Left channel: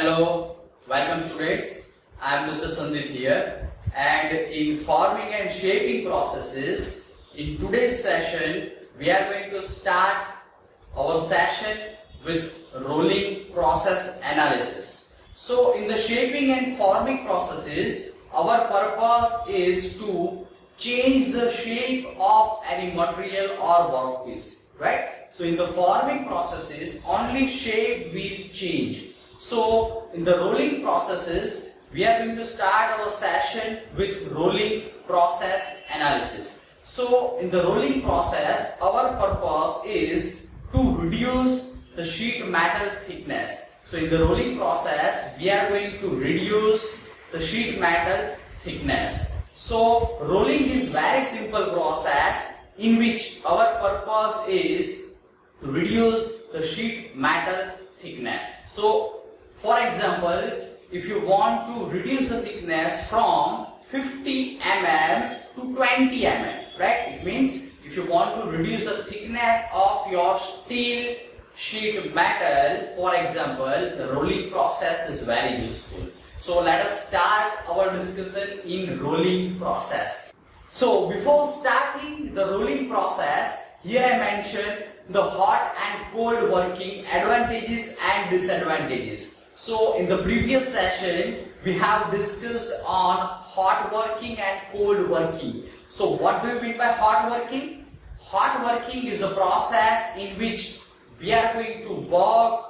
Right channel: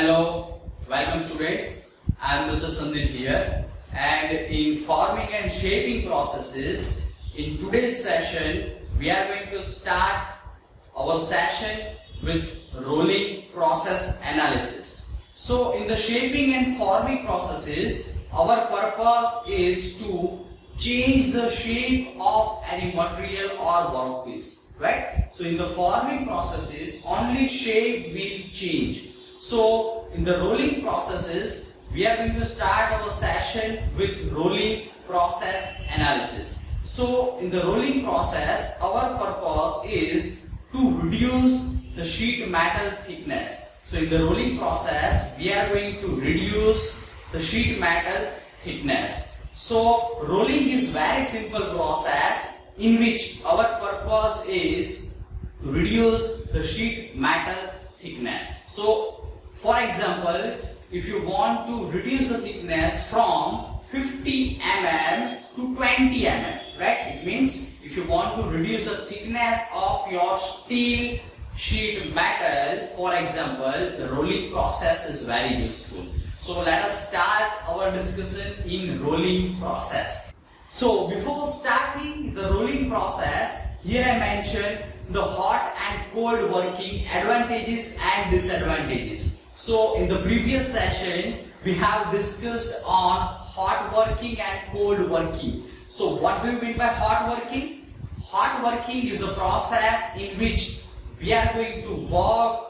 Hello, welcome students. I am Mr. Sandeep here, and in forming and shaping processes, in today's session we are going to start our session with rolling process analysis. So in the shaping and forming processes, our purpose is to change the shape of any material or workpiece, right? So in the forming processes, only shape will change. So in the rolling processes, we are going to start our session with rolling process analysis. So in the rolling process, our purpose is to reduce the sheet metal thickness. So in the rolling process, we are going to reduce the sheet metal thickness. So rolling is very simple process in which our purpose is to reduce the sheet metal thickness. So for example, if you want to reduce the thickness from 50 mm to 20 mm, right? It means if you want to reduce the thickness of your steel sheet metal, for example, the rolling process is very useful. So let us start our discussion in rolling process. So before starting the rolling process, here I mentioned the hot and cold working advantages and disadvantages. So in the previous session, we have discussed on hot working and cold working. So what do you mean by hot working? Hot working is a process in which we are going to work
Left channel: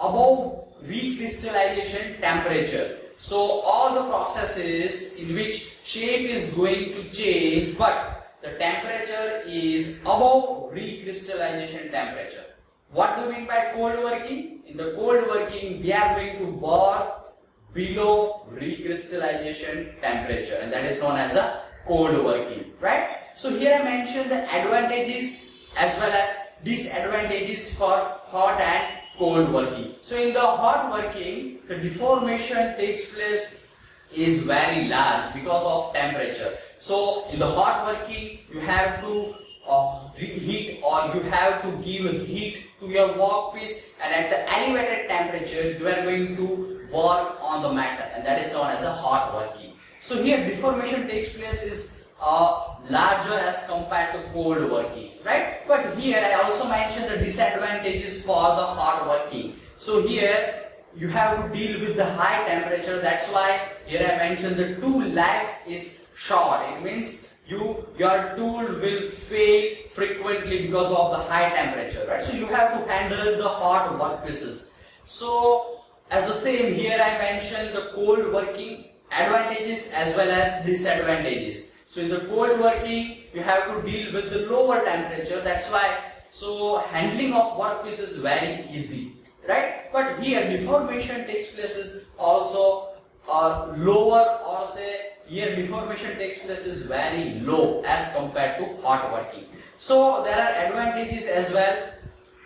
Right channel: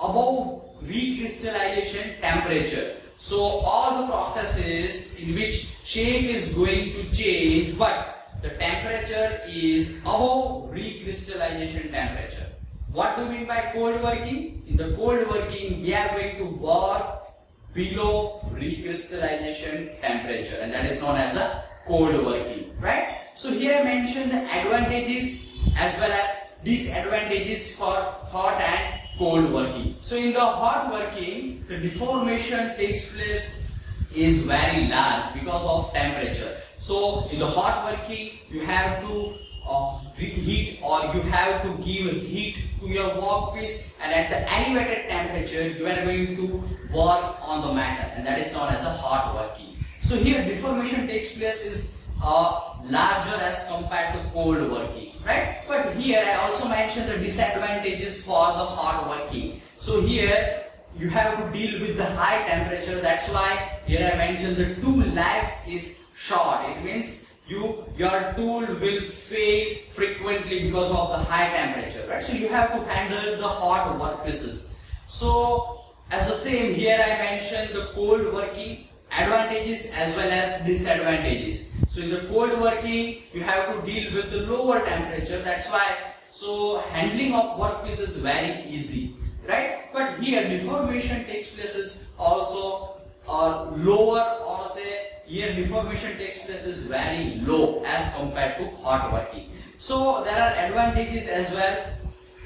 above recrystallization temperature. So all the processes in which shape is going to change, but the temperature is above recrystallization temperature. What do you mean by cold working? In the cold working, we are going to work below recrystallization temperature, and that is known as a cold working, right? So here I mentioned the advantages as well as disadvantages for hot and cold working. So in the hot working, the deformation takes place is very large because of temperature. So in the hot working, you have to heat, or you have to give heat to your workpiece, and at the elevated temperature you are going to work on the metal, and that is known as a hot working. So here deformation takes place is larger as compared to cold working, right? But here I also mentioned the disadvantages for the hot working. So here you have to deal with the high temperature. That's why here I mentioned the tool life is short. It means your tool will fail frequently because of the high temperature, right? So you have to handle the hot workpieces. So as the same, here I mentioned the cold working advantages as well as disadvantages. So in the cold working, you have to deal with the lower temperature. That's why so handling of workpiece is very easy, right? But here deformation takes place is also lower, or say here deformation takes place is very low as compared to hot working. So there are advantages as well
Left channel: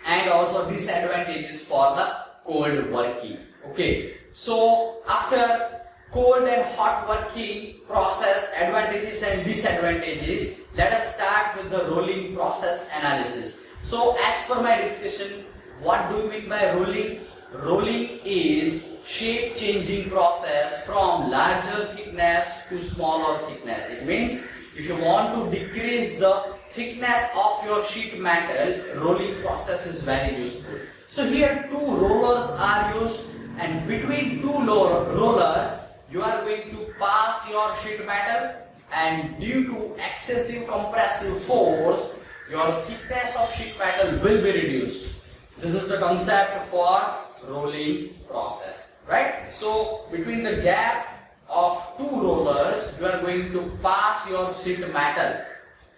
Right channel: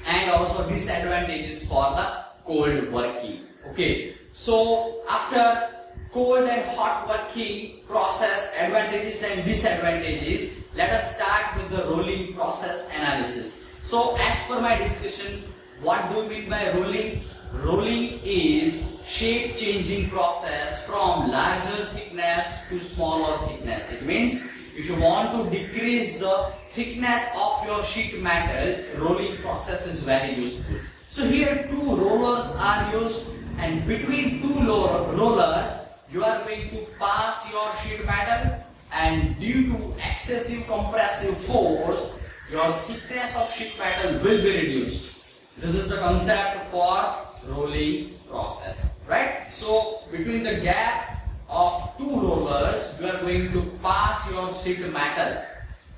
and also disadvantages for the cold working. Okay, so after cold and hot working process advantages and disadvantages, let us start with the rolling process analysis. So as per my discussion, what do you mean by rolling? Rolling is shape changing process from larger thickness to smaller thickness. It means if you want to decrease the thickness of your sheet metal, rolling process is very useful. So here two rollers are used, and between two rollers you are going to pass your sheet metal, and due to excessive compressive force, your thickness of sheet metal will be reduced. This is the concept for rolling process, right? So between the gap of two rollers, you are going to pass your sheet metal,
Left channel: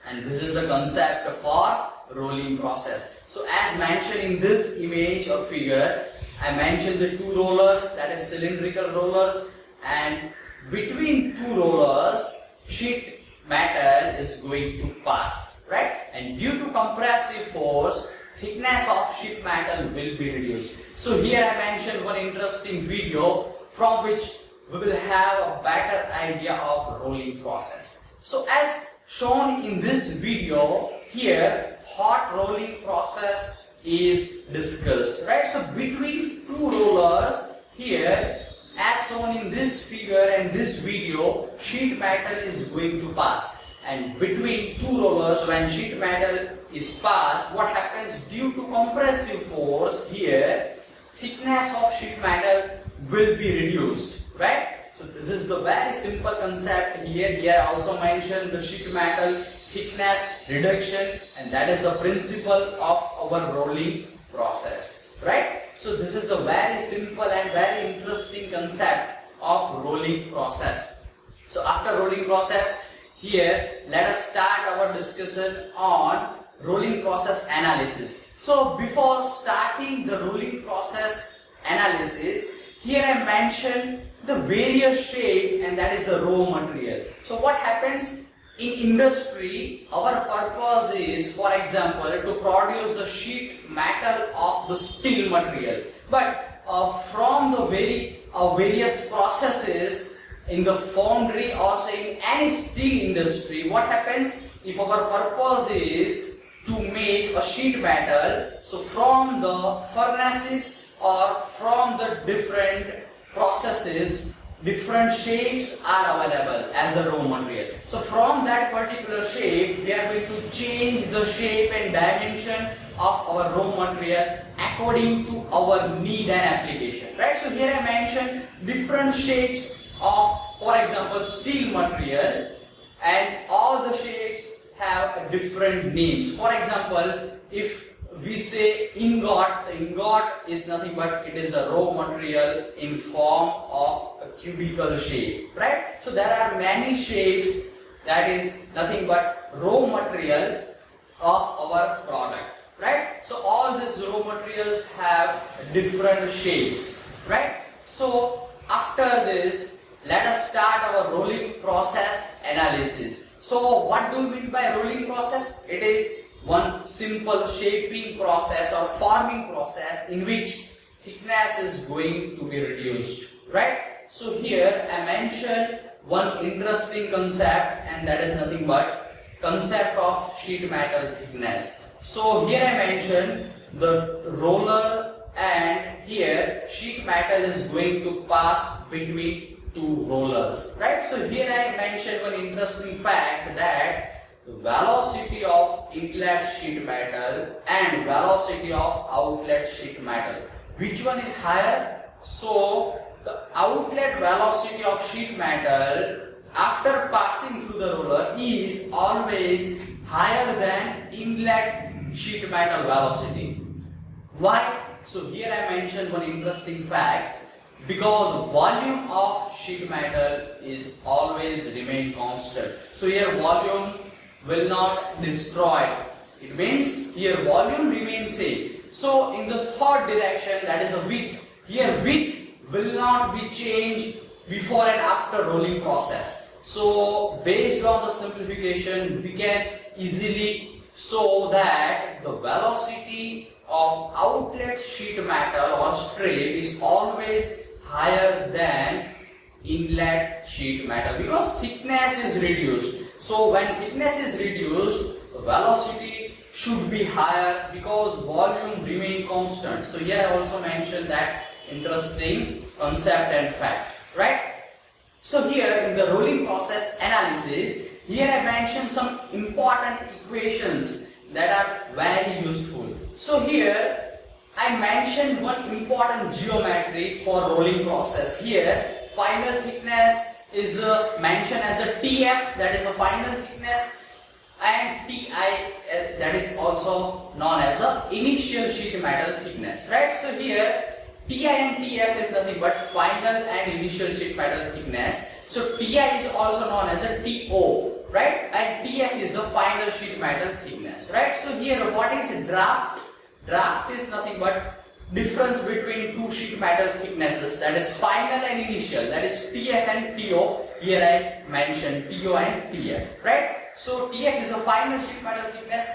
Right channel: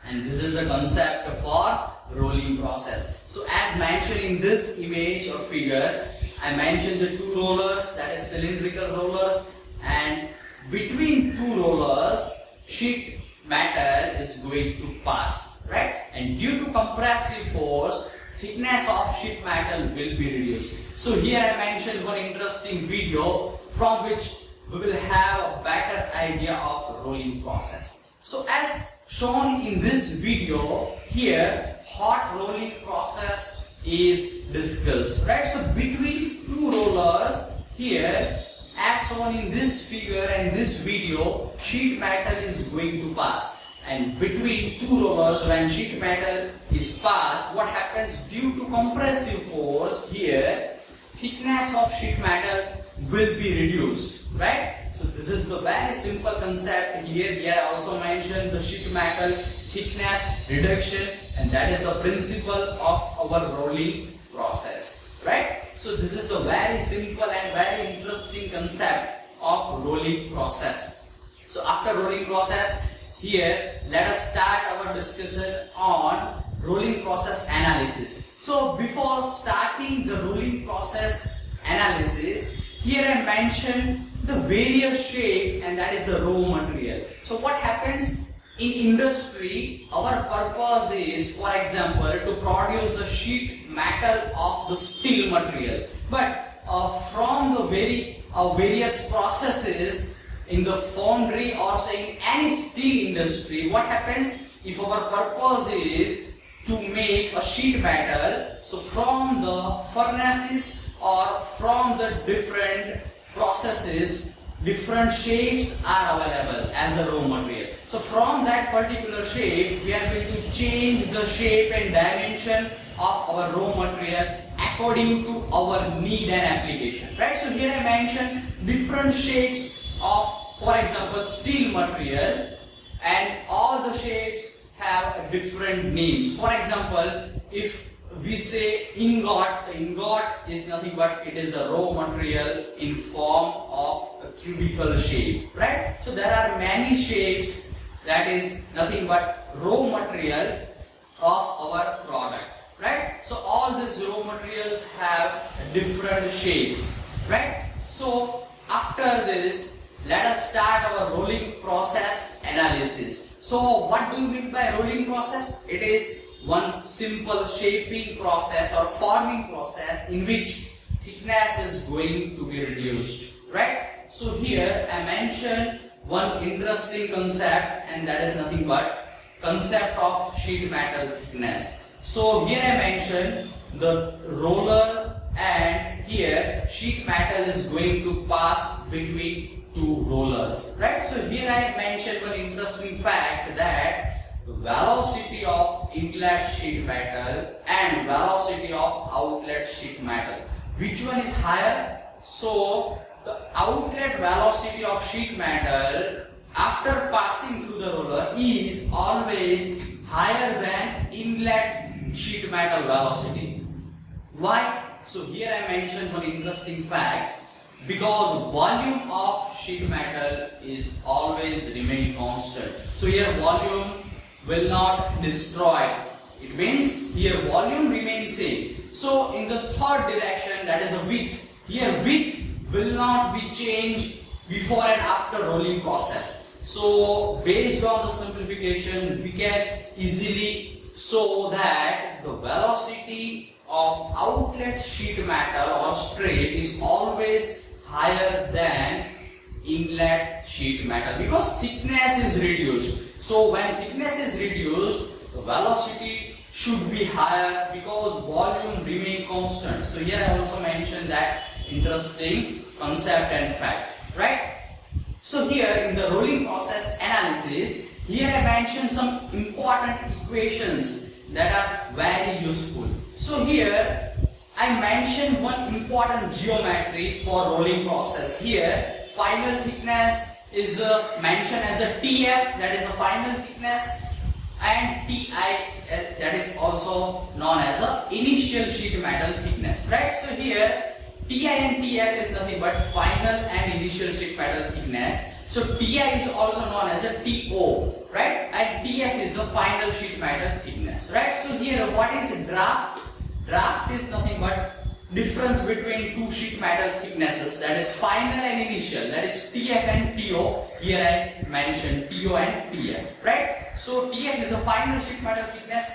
and this is the concept for rolling process. So as mentioned in this image or figure, I mentioned the two rollers, that is cylindrical rollers, and between two rollers sheet metal is going to pass, right? And due to compressive force, thickness of sheet metal will be reduced. So here I mentioned one interesting video from which we will have a better idea of rolling process. So as shown in this video, here hot rolling process is discussed, right? So between two rollers, here, as shown in this figure and this video, sheet metal is going to pass. And between two rollers, when sheet metal is passed, what happens due to compressive force here, thickness of sheet metal will be reduced, right? So this is the very simple concept here. Here I also mentioned the sheet metal thickness reduction, and that is the principle of our rolling process, right? So this is the very simple and very interesting concept of rolling process. So after rolling process, here let us start our discussion on rolling process analysis. So before starting the rolling process analysis, here I mentioned the various shape, and that is the raw material. So what happens in industry, our purpose is, for example, to produce the sheet metal of the steel material. But from the various processes in the foundry or say in any steel industry, what happens if our purpose is to make a sheet metal? So from the furnaces or from the different processes, different shapes are available as a raw material. So from that particular shape, we are going to change the shape and dimension of our raw material according to our need and application, right? So here I mentioned different shapes of, for example, steel material, and all the shapes have different names. For example, if we say ingot, the ingot is nothing but it is a raw material in form of a cubical shape, right? So there are many shapes, that is nothing but raw material of our product, right? So all these raw materials have different shapes, right? So after this, let us start our rolling process analysis. So what do we mean by rolling process? It is one simple shaping process or forming process in which thickness is going to be reduced, right? So here I mentioned one interesting concept, and that is nothing but concept of sheet metal thickness. So here I mentioned the roller, and here sheet metal is going to pass between two rollers, right? So here I mentioned one interesting fact, that the velocity of inlet sheet metal and velocity of outlet sheet metal, which one is higher? So the outlet velocity of sheet metal after passing through the roller is always higher than inlet sheet metal velocity. Why? So here I mentioned one interesting fact, because volume of sheet metal is always remain constant. So here volume will not destroy. It means here volume remains same. So in the third direction, that is a width, here width will not be changed before and after rolling process. So based on the simplification, we can easily show that the velocity of outlet sheet metal or strip is always higher than inlet sheet metal, because thickness is reduced. So when thickness is reduced, the velocity should be higher because volume remain constant. So here I also mentioned that interesting concept and fact, right? So here in the rolling process analysis, here I mentioned some important equations that are very useful. So here I mentioned one important geometry for rolling process. Here final thickness is mentioned as a TF, that is a final thickness, and TI, that is also known as a initial sheet metal thickness, right? So here TI and TF is nothing but final and initial sheet metal thickness. So TI is also known as a TO, right? And TF is the final sheet metal thickness, right? So here what is draft? Draft is nothing but difference between two sheet metal thicknesses, that is final and initial, that is TF and TO. Here I mentioned TO and TF, right? So TF is the final sheet metal thickness,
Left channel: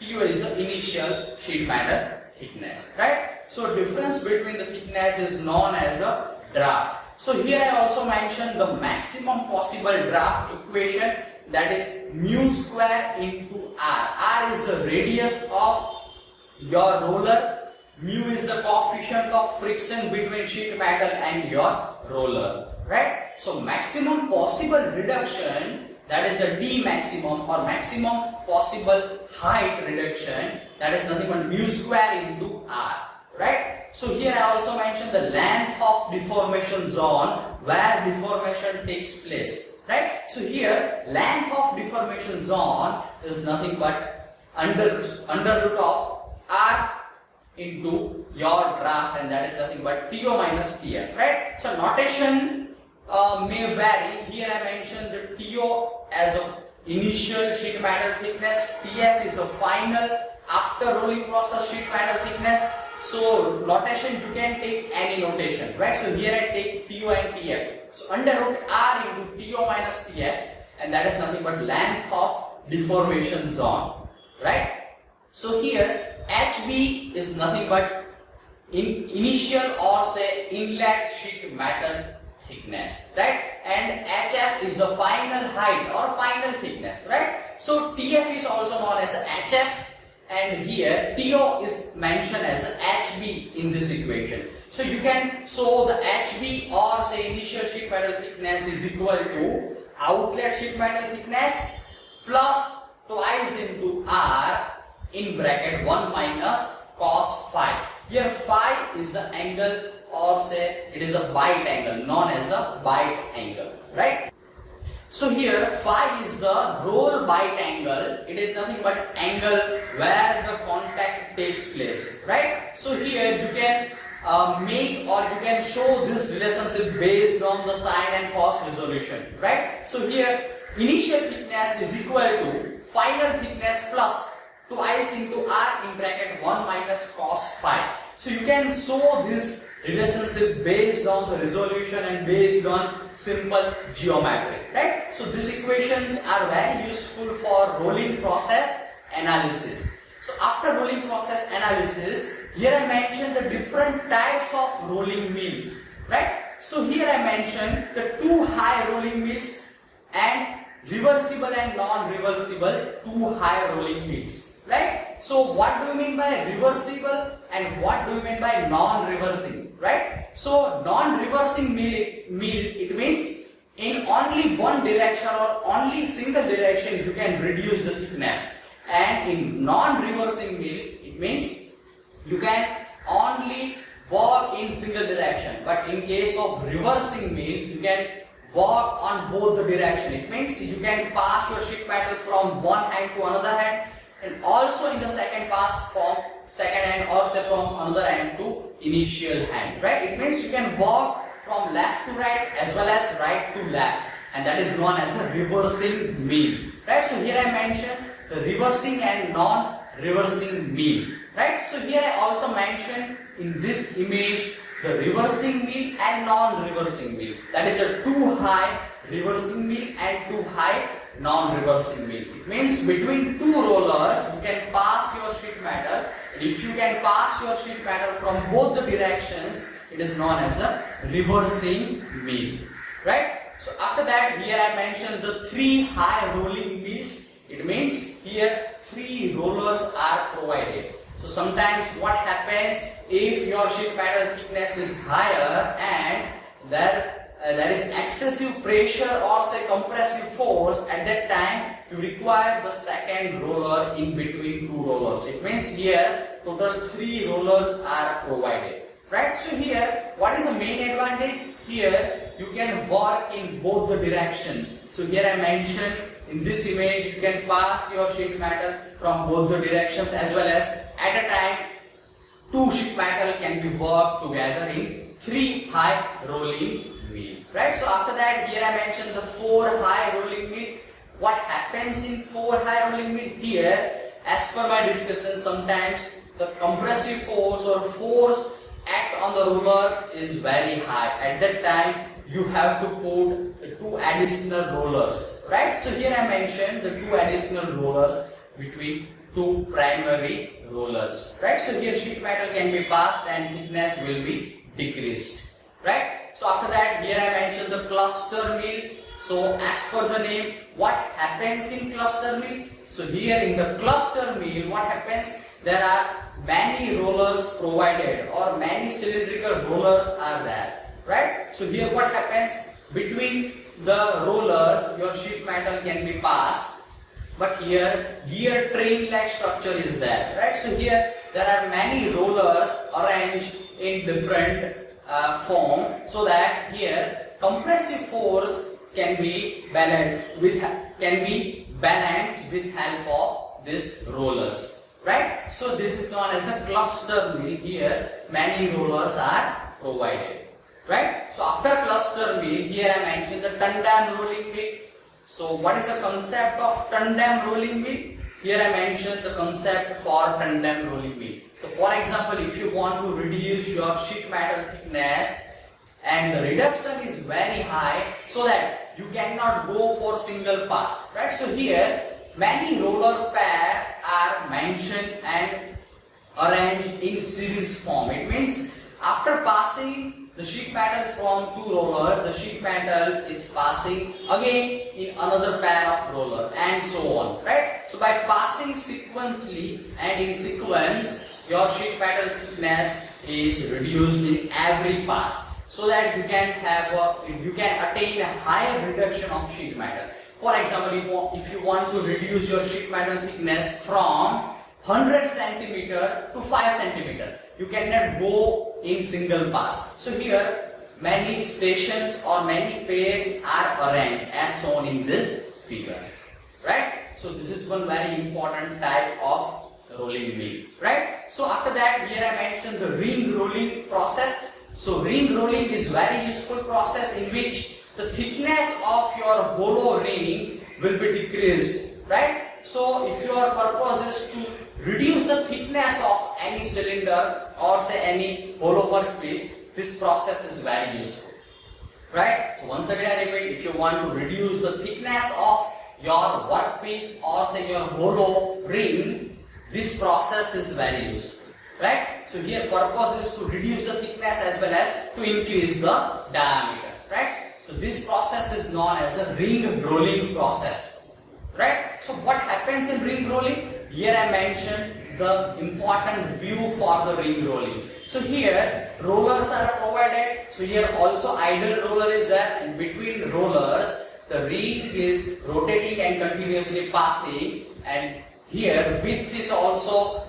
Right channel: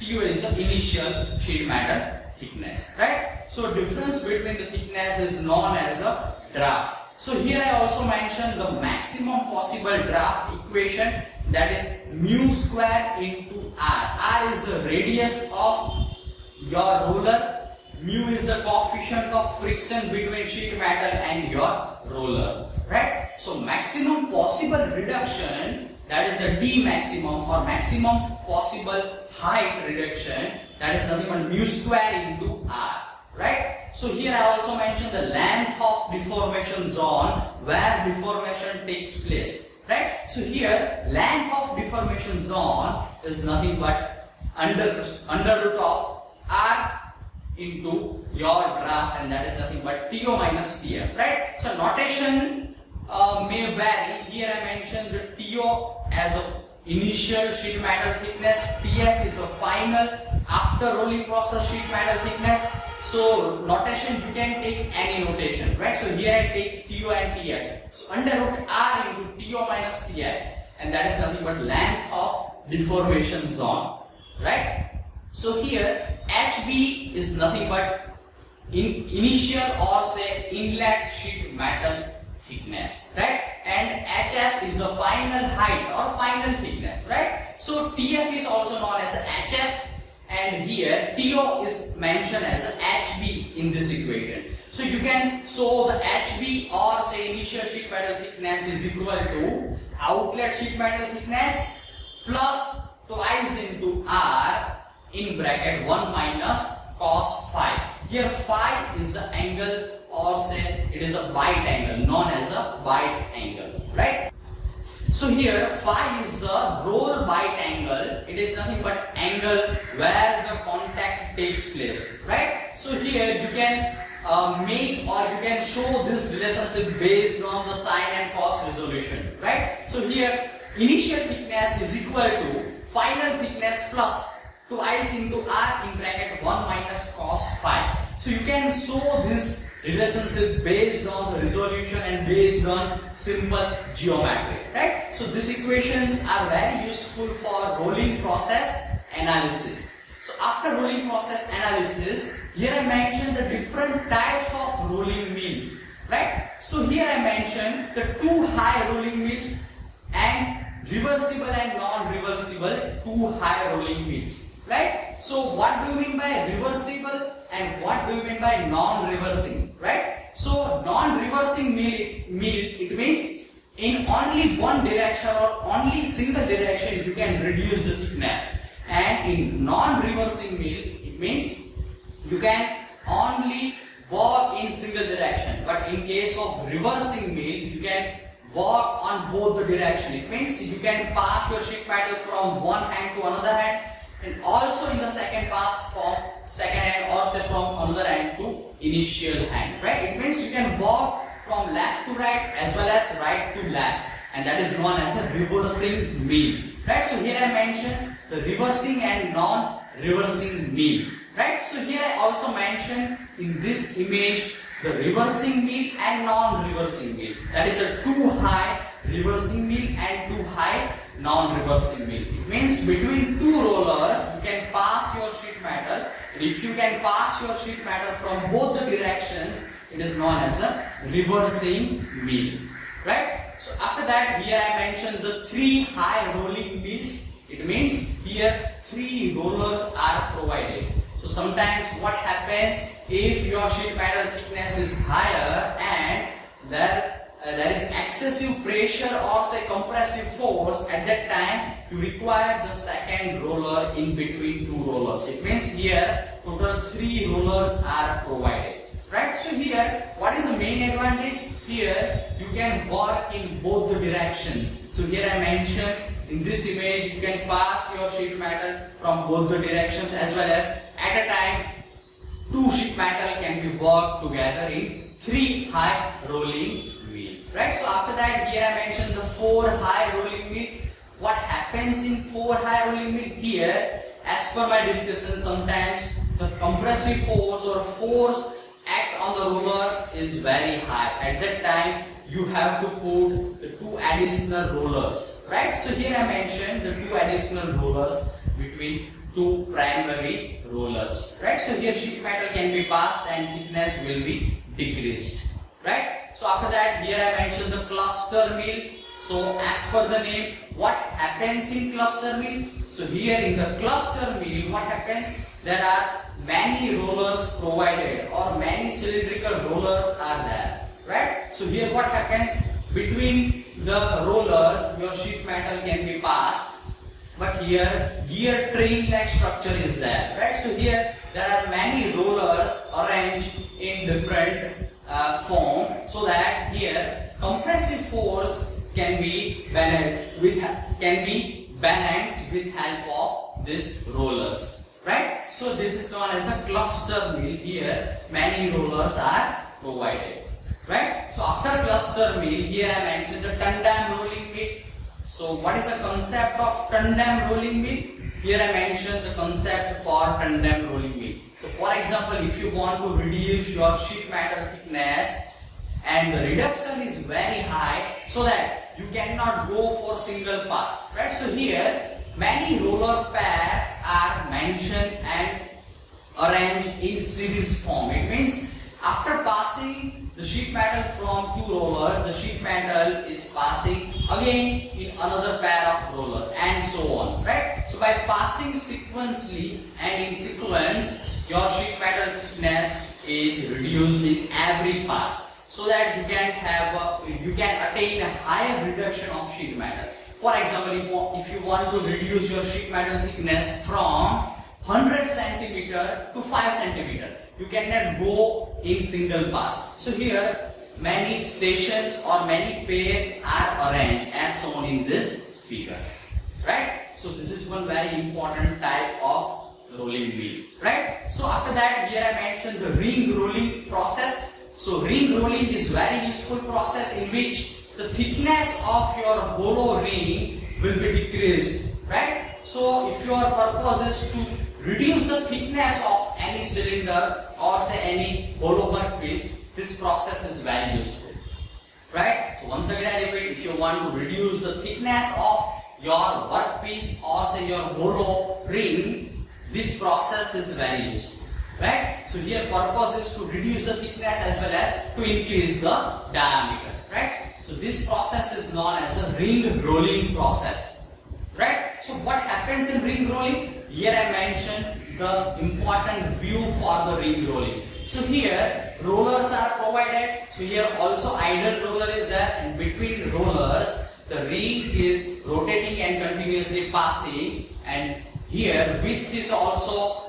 TO is the initial sheet metal thickness, right? So difference between the thickness is known as a draft. So here I also mentioned the maximum possible draft equation, that is mu square into R. R is the radius of your roller, mu is the coefficient of friction between sheet metal and your roller, right? So maximum possible reduction, that is the D maximum, or maximum possible height reduction, that is nothing but mu square into R, right? So here I also mentioned the length of deformation zone where deformation takes place, right? So here length of deformation zone is nothing but under root of R into your graph, and that is nothing but TO minus TF, right? So notation may vary. Here I mentioned the TO as a initial sheet metal thickness, TF is the final after rolling process sheet metal thickness. So notation, you can take any notation, right? So here I take TO and TF. So under root R into TO minus TF, and that is nothing but length of deformation zone, right? So here HB is nothing but initial or say inlet sheet metal thickness, right? And HF is the final height or final thickness, right? So TF is also known as HF, and here TO is mentioned as HB in this equation. So you can show the HB or say initial sheet metal thickness is equal to outlet sheet metal thickness plus twice into R in bracket 1 minus cos phi. Here phi is the angle, or say it is a bite angle, known as a bite angle, right? So here phi is the roll bite angle. It is nothing but angle where the contact takes place, right? So here you can make or you can show this relationship based on the sine and cos resolution, right? So here initial thickness is equal to final thickness plus twice into R in bracket 1 minus cos phi. So you can show this relationship based on the resolution and based on simple geometry, right? So these equations are very useful for rolling process analysis. So after rolling process analysis, here I mentioned the different types of rolling mills, right? So here I mentioned the two high rolling mills and reversible and non-reversible two high rolling mills, right? So what do you mean by reversible and what do you mean by non-reversing, right? So non-reversing mill, it means in only one direction or only single direction you can reduce the thickness, and in non-reversing mill it means you can only work in single direction, but in case of reversing mill you can work on both the direction. It means you can pass your sheet metal from one hand to another hand, and also in the second pass from second hand, also from another hand to initial hand, right? It means you can work from left to right as well as right to left, and that is known as a reversing mill, right? So here I mentioned the reversing and non-reversing mill, right? So here I also mentioned in this image the reversing mill and non-reversing mill. That is a too high reversing mill and too high non-reversing mill. It means between two rollers you can pass your sheet metal. If you can pass your sheet metal from both the directions, it is known as a reversing mill, right? So after that, here I mentioned the three high rolling mills. It means here three rollers are provided. So sometimes what happens, if your sheet metal thickness is higher and there is excessive pressure or say compressive force, at that time you require the second roller in between two rollers. It means here total three rollers are provided, right? So here what is the main advantage? Here you can work in both the directions. So here I mentioned in this image you can pass your sheet metal from both the directions, as well as at a time two sheet metal can be worked together in three high rolling mill, right? So after that, here I mentioned the four high rolling mill. What happens in four high rolling mill? Here, as per my discussion, sometimes the compressive force or force act on the roller is very high. At that time you have to put two additional rollers, right? So here I mentioned the two additional rollers between two primary rollers, right? So here sheet metal can be passed and thickness will be decreased, right? So after that, here I mentioned the cluster mill. So as per the name, what happens in cluster mill? So here in the cluster mill, what happens? There are many rollers provided, or many cylindrical rollers are there, right? So here what happens? Between the rollers, your sheet metal can be passed, but here gear train like structure is there, right? So here there are many rollers arranged in different form, so that here compressive force can be balanced with help of these rollers, right? So this is known as a cluster mill. Here many rollers are provided, right? So after cluster mill, here I mentioned the tandem rolling mill. So what is the concept of tandem rolling mill? Here I mentioned the concept for tandem rolling mill. So for example, if you want to reduce your sheet metal thickness and the reduction is very high, so that you cannot go for single pass, right? So here many roller pair are mentioned and arranged in series form. It means after passing the sheet metal from two rollers, the sheet metal is passing again in another pair of roller, and so on, right? So by passing sequentially and in sequence, your sheet metal thickness is reduced in every pass, so that you can attain a higher reduction of sheet metal. For example, if you want to reduce your sheet metal thickness from 100 centimeter to 5 centimeter, you cannot go in single pass. So here many stations or many pairs are arranged as shown in this figure, right? So this is one very important type of rolling mill, right? So after that, here I mentioned the ring rolling process. So ring rolling is very useful process in which the thickness of your hollow ring will be decreased, right? So if your purpose is to reduce the thickness of any cylinder or say any hollow workpiece, this process is very useful, right? So once again I repeat, if you want to reduce the thickness of your workpiece or say your hollow ring, this process is very useful, right? So here purpose is to reduce the thickness as well as to increase the diameter, right? So this process is known as a ring rolling process, right? So what happens in ring rolling? Here I mentioned the important view for the ring rolling. So here rollers are provided. So here also idle roller is there, and between rollers the ring is rotating and continuously passing, and here width is also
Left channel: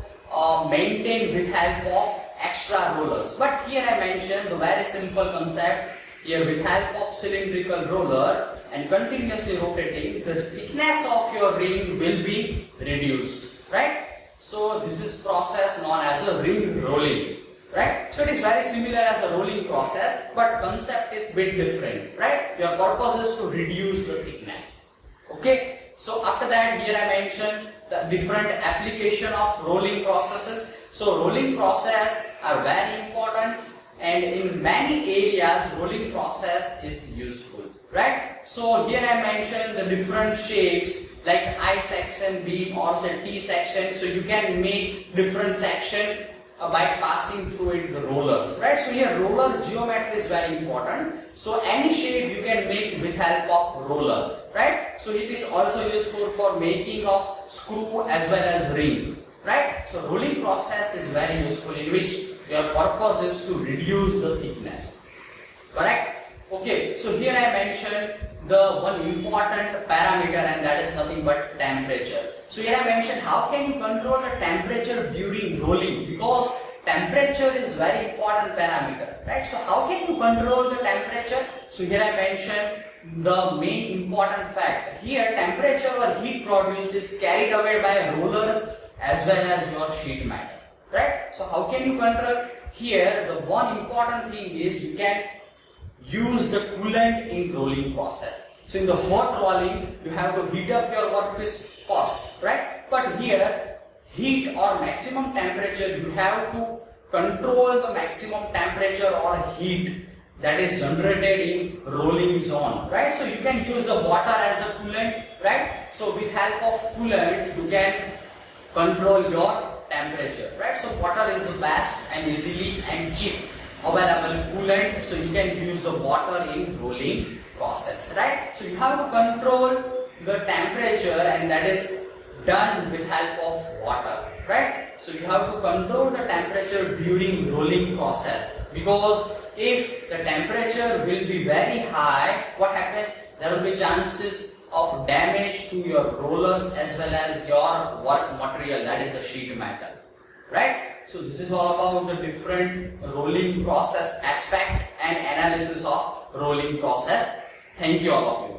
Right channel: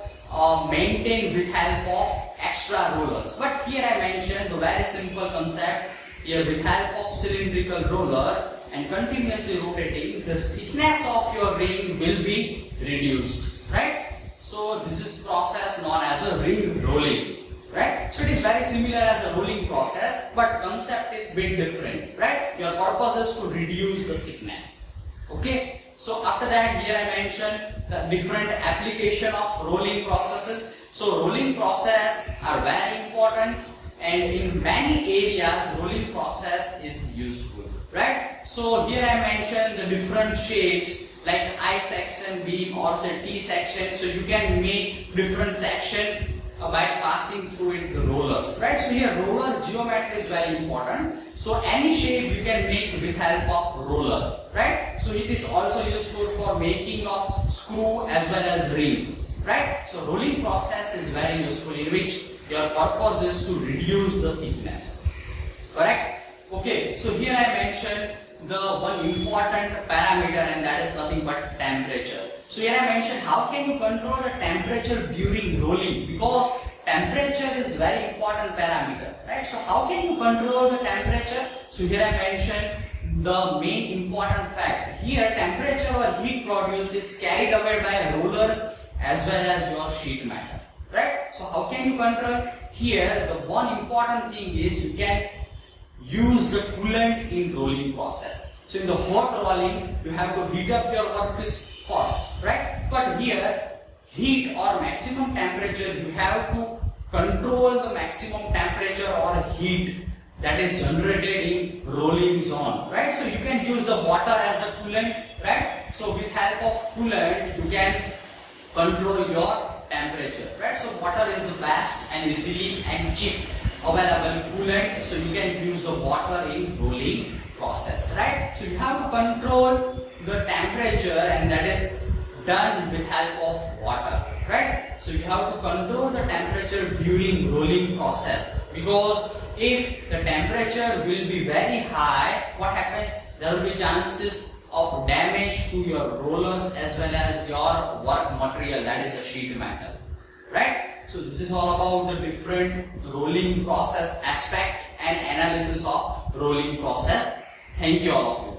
maintained with help of extra rollers. But here I mentioned the very simple concept. Here with help of cylindrical roller and continuously rotating, the thickness of your ring will be reduced, right? So this is process known as a ring rolling, right? So it is very similar as a rolling process, but concept is bit different, right? Your purpose is to reduce the thickness, okay? So after that, here I mentioned the different application of rolling processes. So rolling process are very important, and in many areas rolling process is useful, right? So here I mentioned the different shapes like I section, beam, or say T section. So you can make different section by passing through it the rollers, right? So here roller geometry is very important. So any shape you can make with help of roller, right? So it is also useful for making of screw as well as ring, right? So rolling process is very useful, in which your purpose is to reduce the thickness, correct? Okay, so here I mentioned the one important parameter, and that is nothing but temperature. So here I mentioned how can you control the temperature during rolling, because temperature is very important parameter, right? So how can you control the temperature? So here I mentioned the main important fact. Here temperature or heat produced is carried away by rollers as well as your sheet metal, right? So how can you control? Here the one important thing is you can use the coolant in rolling process. So in the hot rolling, you have to heat up your workpiece first, right? But here heat or maximum temperature, you have to control the maximum temperature or heat that is generated in rolling zone, right? So you can use the water as a coolant, right? So with help of coolant, you can control your temperature, right? So water is the best and easily and cheap available coolant, so you can use the water in rolling process, right? So you have to control the temperature, and that is done with help of water, right? So you have to control the temperature during rolling process, because if the temperature will be very high, what happens? There will be chances of damage to your rollers as well as your work material, that is a sheet metal, right? So this is all about the different rolling process aspect and analysis of rolling process. Thank you all of you.